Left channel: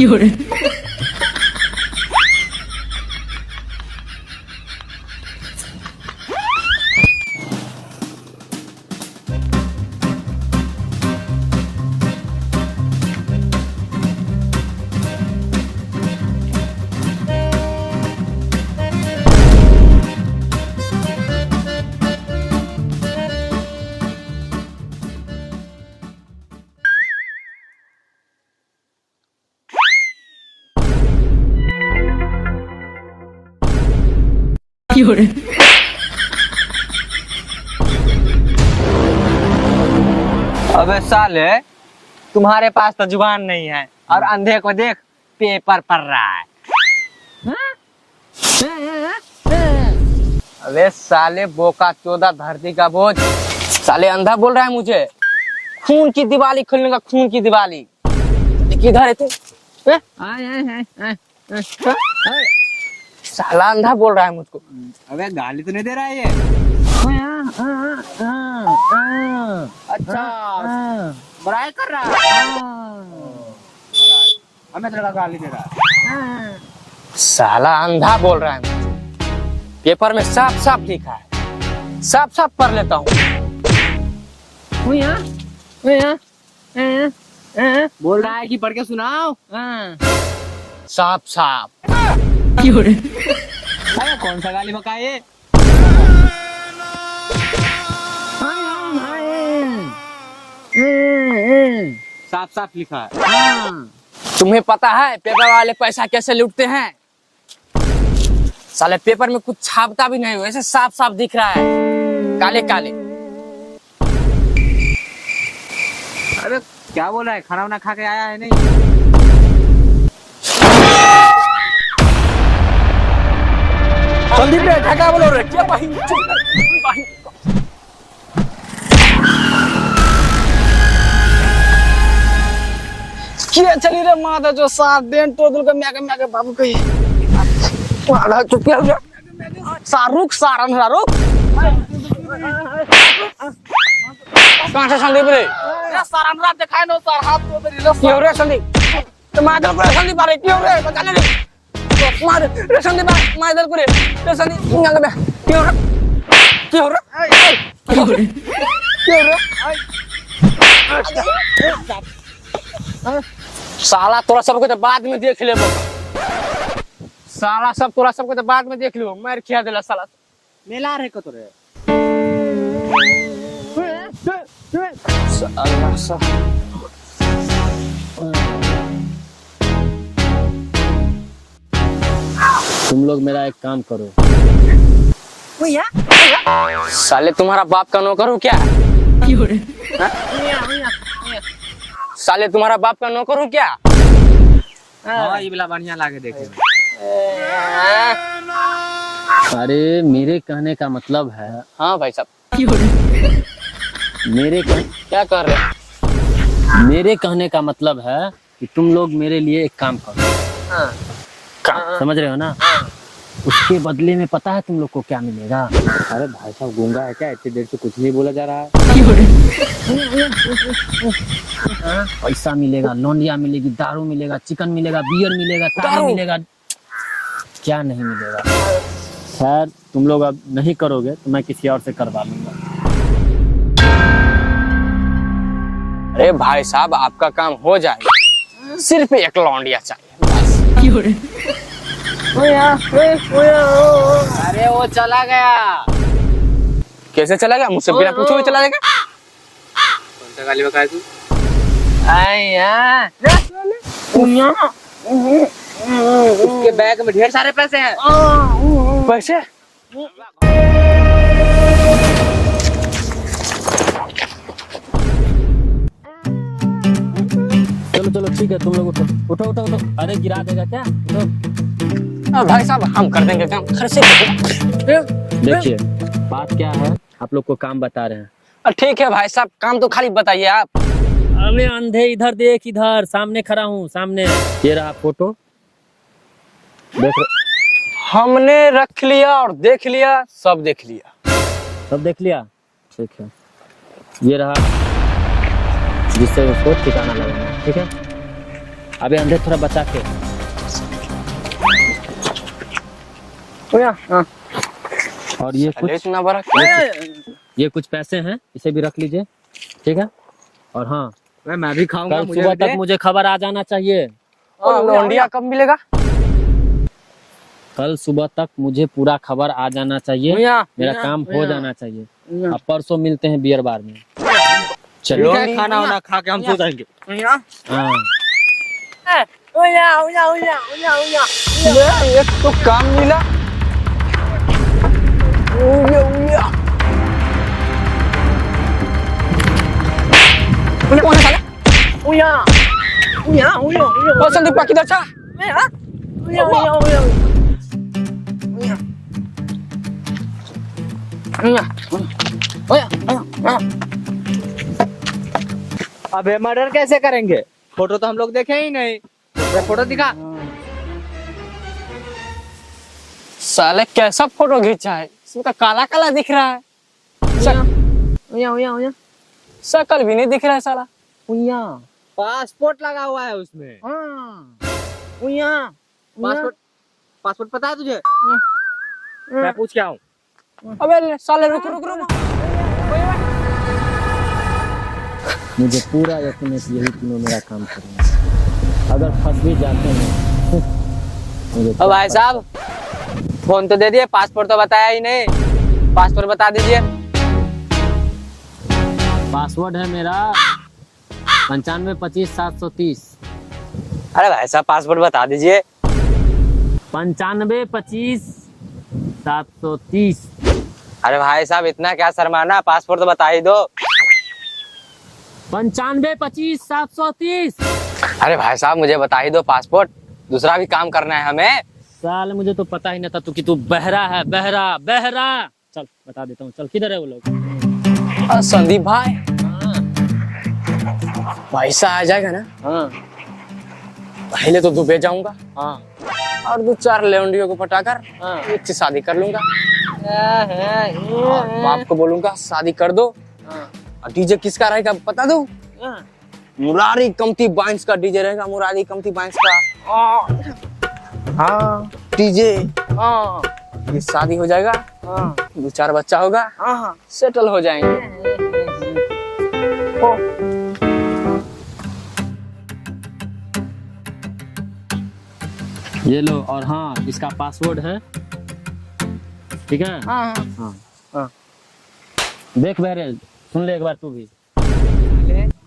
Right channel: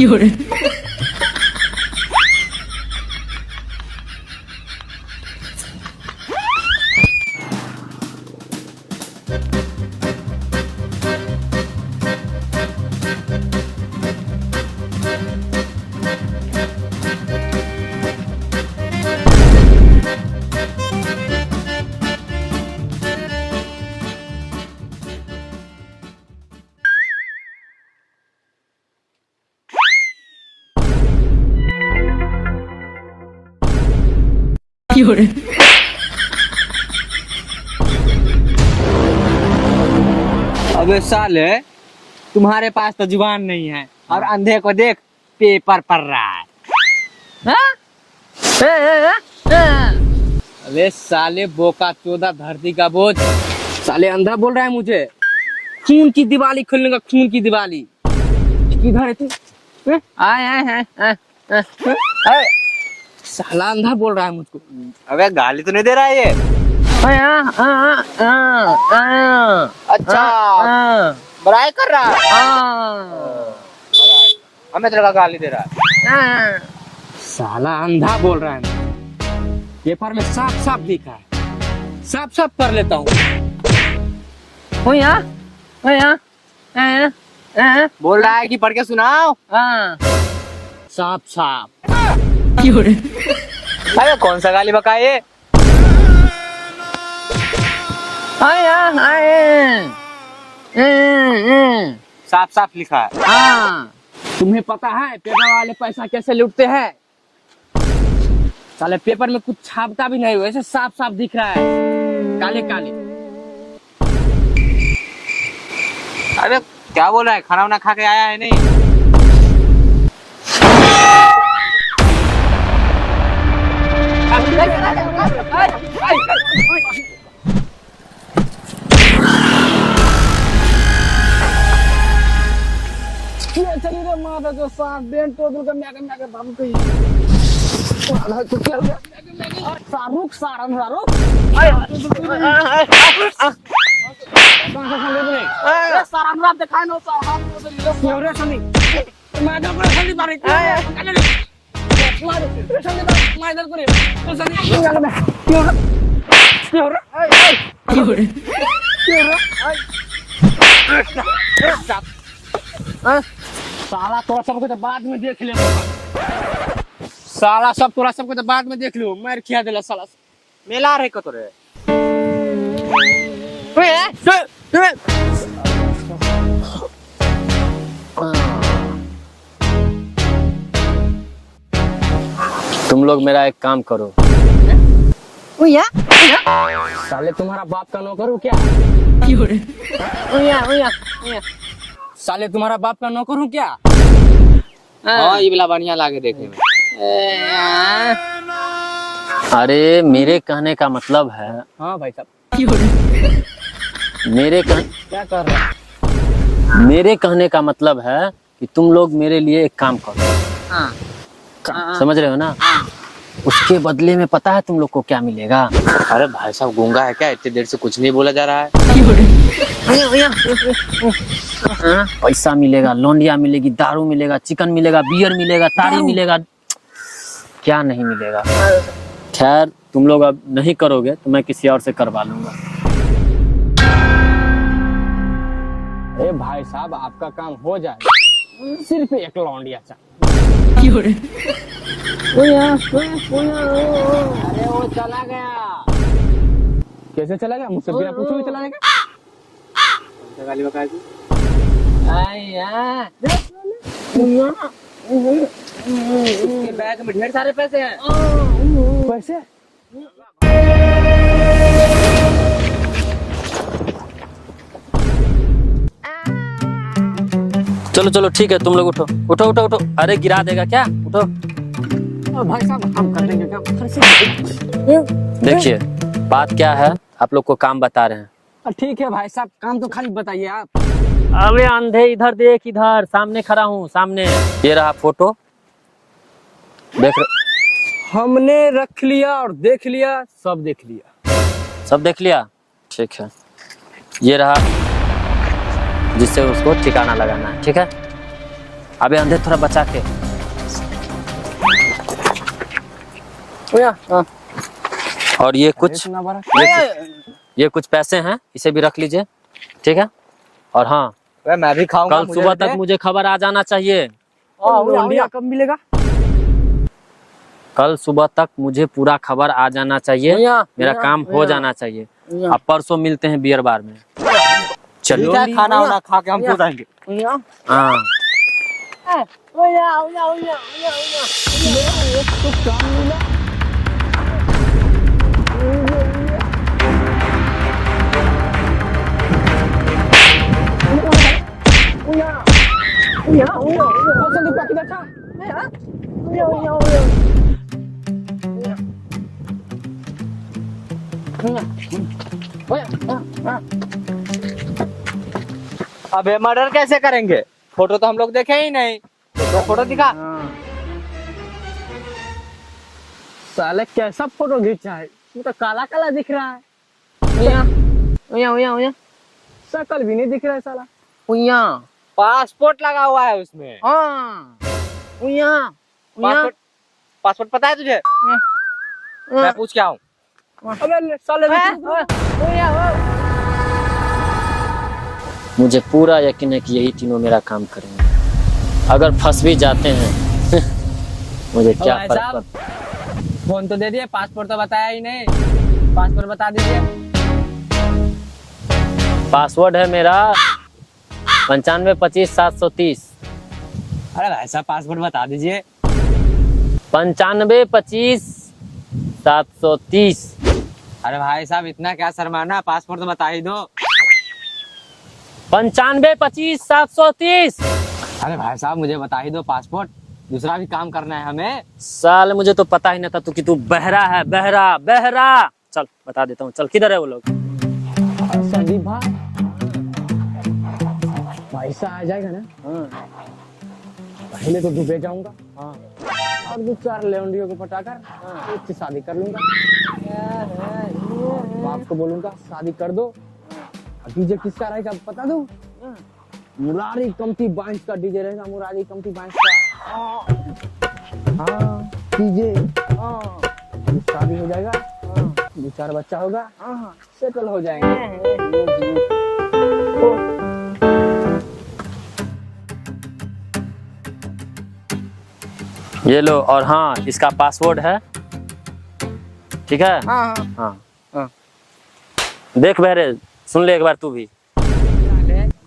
有人， 有人， अबे साले तुम्हारे पास तो जुबान नहीं है और अंधे को देख पेपर पढ़ रहा है हाँ? अबे साले बोका चोदा धरती का बोझ साले अंधा बोल रहा है मुझे खून की दिवाली खुलने का खून की दिवाली किधर है तू हाँ? आए आए आए आए साला अंधा बोल रहा है मुझको अबे गाली तो नहीं दे रहा है ये? अच्छा बड़ाई कर रहा है। हमें तेरे का गाली दे रहा है। साला अंधा बोल रहा है मुझे। पेपर में साफ साफ लिखा है साफ साफ पढ़ लेता हूँ बोल रहा है कि पढ़ के सुनाओ। साफ साफ 有人， अरे कौन सा गाली बका ये? साफ साफ लिखा है। हाँ तुम्हें पता है पेपर वाले पैसा कैसे लूटते हैं साले पेपर में कुछ छापता भी नहीं वैसे साफ साफ दिख रहा है काले काले अरे क्या बोल रहा है? खाना वाना खा के आया है नहीं? क्या चली रे माता जो साथ देन तो दुल का म्याके बाबू कही वाला चुप क्या शाहरुख सारन शाहरुख कहां से संदीप रे अरे सारन रात दिखाए नो सार हाथ तो रे क्यों रे संदीप तो मादर को संदीप मारे क्यों रे पता नहीं मार रे संदीप मादर को रे संदीप यहां में क्यों रे 有人， साला तोरा सबको तो बाद में देख ले साला सब तोरा सबको तो बाद में देख लो मार खिया देला साला मेला रे को तोरे साला सा तुम लोग मेरा एक काम करो साले तुम्हारा बाप का नौकर हूँ क्या 有人， साले तुम्हारा बाप का नौकर हूँ क्या हां ये वाला बढ़िया लागे देखे में। अरे मेरे कहने का मतलब है हाँ भाई साहब 有人， क्या कर रहे हैं मेरे कहने का मतलब है कि तुम लोग मेरे लिए एक काम करो समझ रहे हो ना उसके बदले में पता है तुम लोग को क्या मिलेगा अरे भाई साहब गूंगा है क्या? इतनी देर से कुछ नहीं बोला जा रहा है। 有人， पैसा मिलेगा लौंडिया मिलेगी दारू मिलेगा चिकन मिलेगा बियर मिलेगा तारी मिलेगा क्या नहीं मिलेगा खैर तुम लोग अब नहीं करोगे तो मैं किसी और से करवा लूंगा अरे भाई साहब आपका काम हो जाएगा सिर्फ एक लौंडिया चाहिए 有人， अरे वो चला गया कैसे चला गया मुझसे बिना पूछे हुए चला जाएगा कौन सा गाली बका है तू? उसके बैग में ढेर सारे पैसे हैं। पैसे चलो चलो ठीक है तुम लोग उठो उठो उठो उठो अरे गिरा देगा क्या उठो भाई साहब हम कर देंगे काम घर से देखिए बात क्या है आप लोग को काम बता रहे हैं ठीक है भाई साहब काम तो खाली बताइए आप अबे अंधे इधर देख इधर सामने खड़ा हूँ सामने ये रहा फोटो देख हमने रख लिया और देख लिया सब देख लिया ठीक है ये रहा जिससे उसको ठिकाना लगाना है ठीक है अबे अंधे थोड़ा बचा के। और ये कुछ ये कुछ पैसे हैं, इसे भी रख लीजिए, ठीक है। और हाँ, मैं भी खाऊंगा। कल सुबह तक मुझे खबर आ जाना चाहिए। लौंडिया कब मिलेगा? कल सुबह तक मुझे पूरा खबर आ जाना चाहिए, मेरा काम हो जाना चाहिए। अब परसों मिलते हैं बियर बार में। चलो खाना वाना खा के हम सो जाएंगे। हाँ एक तो काम मिला। संदीप का किधर था? अबे मर्डर कैसे करेंगे? फोटो तो हम लोग देखे ही नहीं। ये फोटो दिखा। साले कैसा फोटो खींचा है, इसमें तो काला काला दिख रहा है। शकल भी नहीं दिख रहा है साला। पासपोर्ट लगा हुआ है उसमें। पासपोर्ट पासपोर्ट पता है तुझे? मैं पूछ के आऊं। अबे साले रुक रुक। मुझे पूरा यकीन है कि यही तीनों मेरा काम करेंगे। अगर फंस भी जाते हैं मुझे क्या भाई साहब, फोन तो दे दिए, पासपोर्ट तो बताया ही नहीं। पासपोर्ट बता दीजिए। पासवर्ड है मेरा 9525-730। अरे भाई साहब, पासपोर्ट बता दीजिए। 9525-730। अरे भाई साहब, इतना क्या शर्माना, पासपोर्ट तो बता ही दो। 9525-730। अरे भाई साहब, मुझे बता ही दो पासपोर्ट, दूसरा भी काम करना है हमें। साले मुझे तो पता ही नहीं था कि तू बहरा है। बहरा। चल बता देता हूँ, चल किधर है वो लोग? संदीप भाई, पैसा आ जाएगा ना? हाँ पहले तो दुबई जाऊंगा हाँ और 2-4 लौंडियों को पटाकर हाँ। एक से शादी कर लूंगा। बाप को बोलूंगा शादी कर दो। और डीजे किसका रहेगा पता दो? मुरारी कमती बाइंस का डीजे रहेगा। मुरारी कमती बाइंस का हाँ डीजे। ये शादी हो जाएगा, 2-4 बच्चा होगा, सेटल हो जाएंगे। ये लो। और हाँ, इसका पासवर्ड है, ठीक है। हाँ हाँ देख बहरे, सुन ले एक बार तू भी।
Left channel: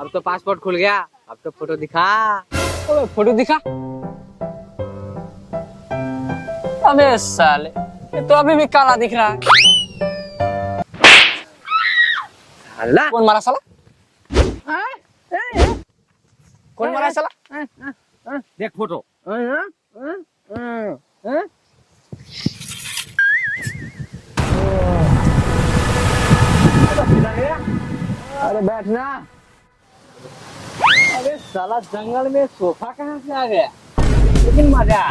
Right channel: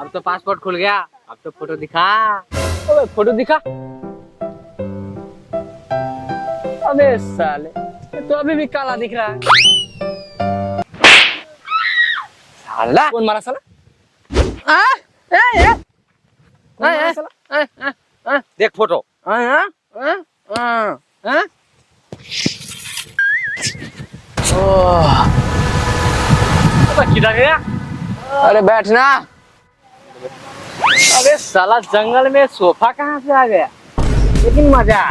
अब तो पासपोर्ट खुल गया, अब तो फोटो दिखा। अबे फोटो दिखा। अबे साले, ये तो अभी भी काला दिख रहा है। साला कौन मारा साला? कौन मारा साला? देख फोटो। किधर गया? अरे बैठना। अरे साला, जंगल में सोफा कहाँ से आ गया? लेकिन मजा।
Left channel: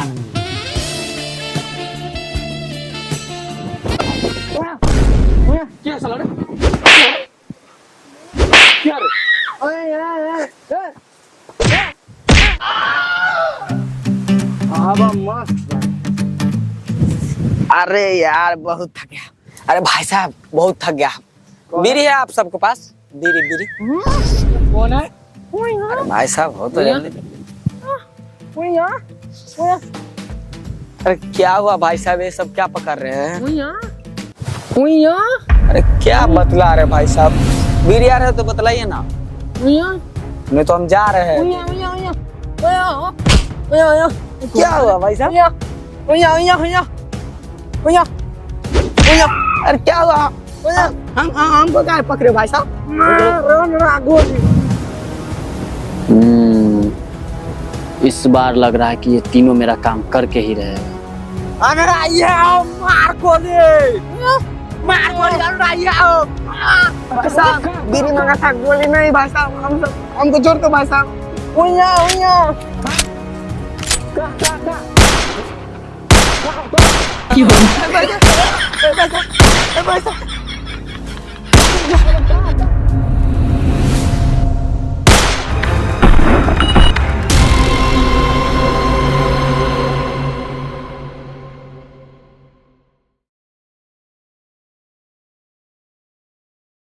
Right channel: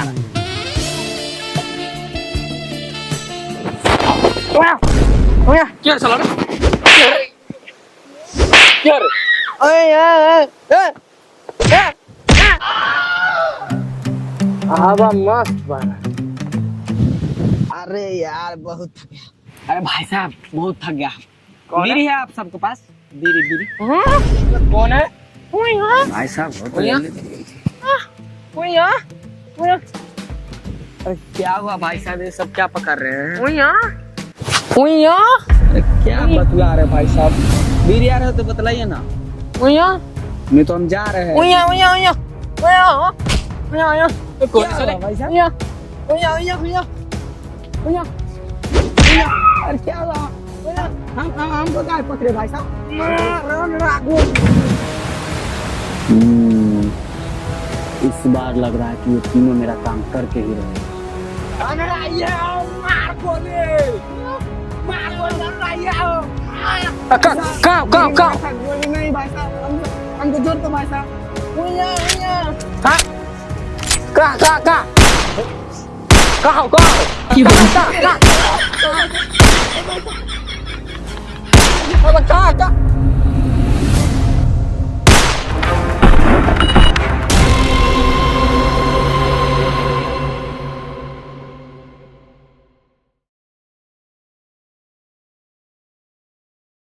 क्या साला रे? क्या रे? हवा मस्त बना। अरे यार, बहुत थक गया। अरे भाई साहब, बहुत थक गया। बीड़ी है आप सबके पास? बीड़ी। कौन है? भाई साहब, बहुत अरे क्या हुआ भाई साहब, ये सब क्या पकड़ रहे हैं? अरे क्या बतला रहे भाई साहब? बीड़ी आ रहे हो तो बतलाइए ना। नहीं तो हम जा रहे हैं। क्या हुआ भाई साहब? अरे क्या हुआ? हमको क्या पकड़े भाई साहब? इस बार लग रहा है कि ये तीनों मेरा काम करके ही रहे। अगर आइए मार को दे। गोली नहीं भाई साहब, हमको जोड़ दो भाई साहब।有人，कहाँ